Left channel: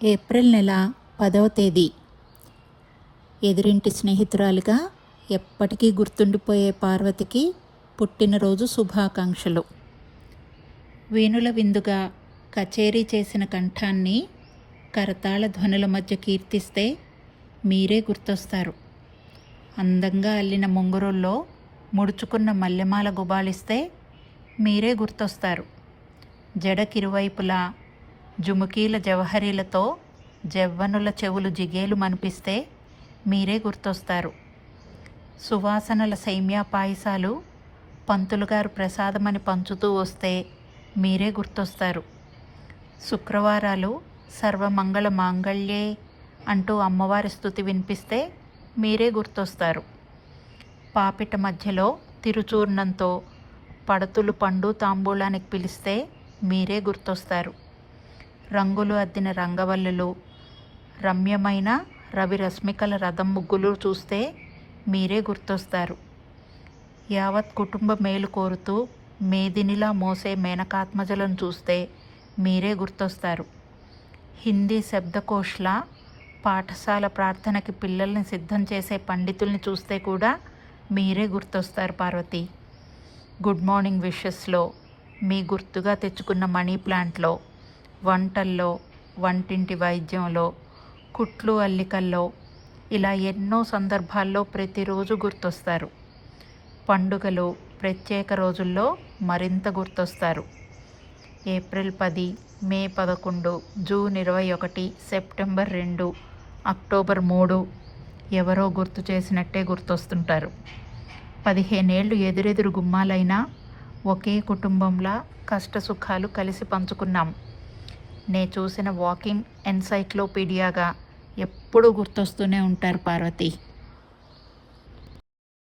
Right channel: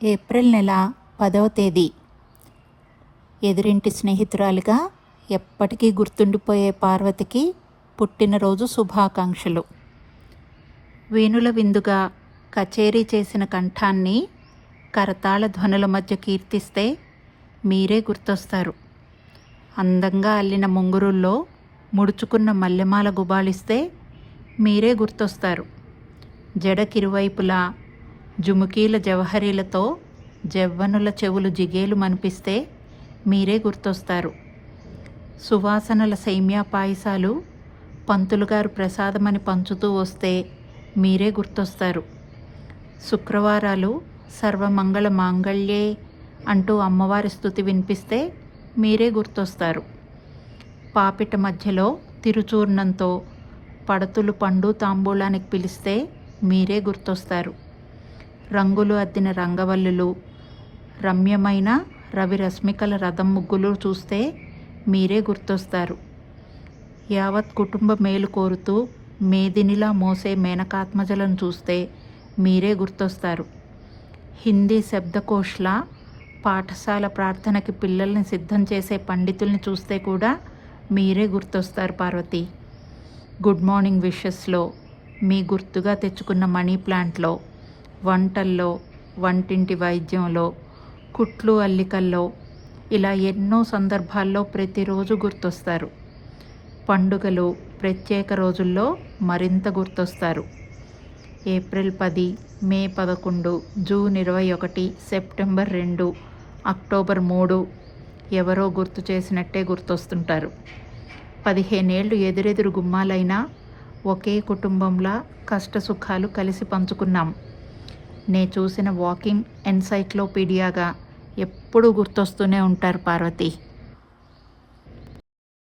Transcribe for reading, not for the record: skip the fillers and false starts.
April నెల 10వ తేదీ. ఎదురింటి స్నేహితురాలిగా ఎప్పటికీ గుర్తుండిపోయే పార్వతికి పుట్టినరోజు శుభాకాంక్షలు. వేణుల విందుగా కచేరీ చేసిన కంఠాన్ని కరతాళ ధ్వనుల మధ్య కీర్తిస్తే మీరే గుర్తొస్తారు. అందంగా అల్లిన ముంగురుల్లో ముడుచుకున్న మల్లెమాల గుబాళిస్తే మీరే గుర్తొస్తారు. జడకిరువైపులా జుముకీల జవహరీలతో జవ్వనుల చెవులు జిగేలు మనిపిస్తే మీరే గుర్తొస్తారు. సువాసనల సేమ్యా పాయసాలు పంతులుగారు ప్రసాదమని పంచుతూ వస్తే మీరే గుర్తొస్తారు. శుక్రవారాలు సర్వమంగళ మాంగళ్యే అంటూ అమ్మవారి స్తుతి వినిపిస్తే మీరే గుర్తొస్తారు. పాపిట మధ్యలో తిరుచూర్ణంతో పడతులు పండు తాంబూలానికి పిలిస్తే మీరే గుర్తొస్తారు. రంగులు అద్దిన రంగవల్లులు, రమ్యమైన రవి రశ్మికల రథం ముగ్గులు చూస్తే మీరే గుర్తొస్తారు. యావత్ కుటుంబ మేలు కోరుతూ మేదినిలా మోసే మేనకాత్మజలను చూస్తే మీరే గుర్తొస్తారు. హిందీ శబ్దకోష్లా పాఠశాల ప్రార్థనకి పిల్లల్ని సిద్ధం చేసే పండితుల్ని చూస్తే కూడా మీరే గుర్తొస్తారు పార్వతి. గుడ్ మార్నింగ్ విషెస్లో, మీ గుర్తుగా తెచ్చుకున్న మనీ ప్లాంట్లో, వంటల్లో, వంటింటి వైద్యంలో, కుట్లు అల్లికల్లో, ఇలా ఎన్నో సందర్భాల్లో ప్రతిరోజు గుర్తొస్తారు. పండుగలు, ప్రత్యేక రోజుల్లో మరింత గుర్తొస్తారు. ఏప్రిల్ 10, మే 11, జూన్ 21, సెప్టెంబర్ 2, అక్టోబర్ 3 ఎవరో గుర్తు చేసినట్టే గుర్తొస్తుంటారు. 15 ఏళ్ళు ఎదురెదురు గుమ్మాలైనా ఒకే కుటుంబంలా కష్టసుఖాలు కలిసి పంచుకున్నాం. నే చూసిన వాకింగ్ ఎన్సైక్లోపీడియాగా ఎప్పుడూ గుర్తొస్తూనే ఉంటారు పార్వతి.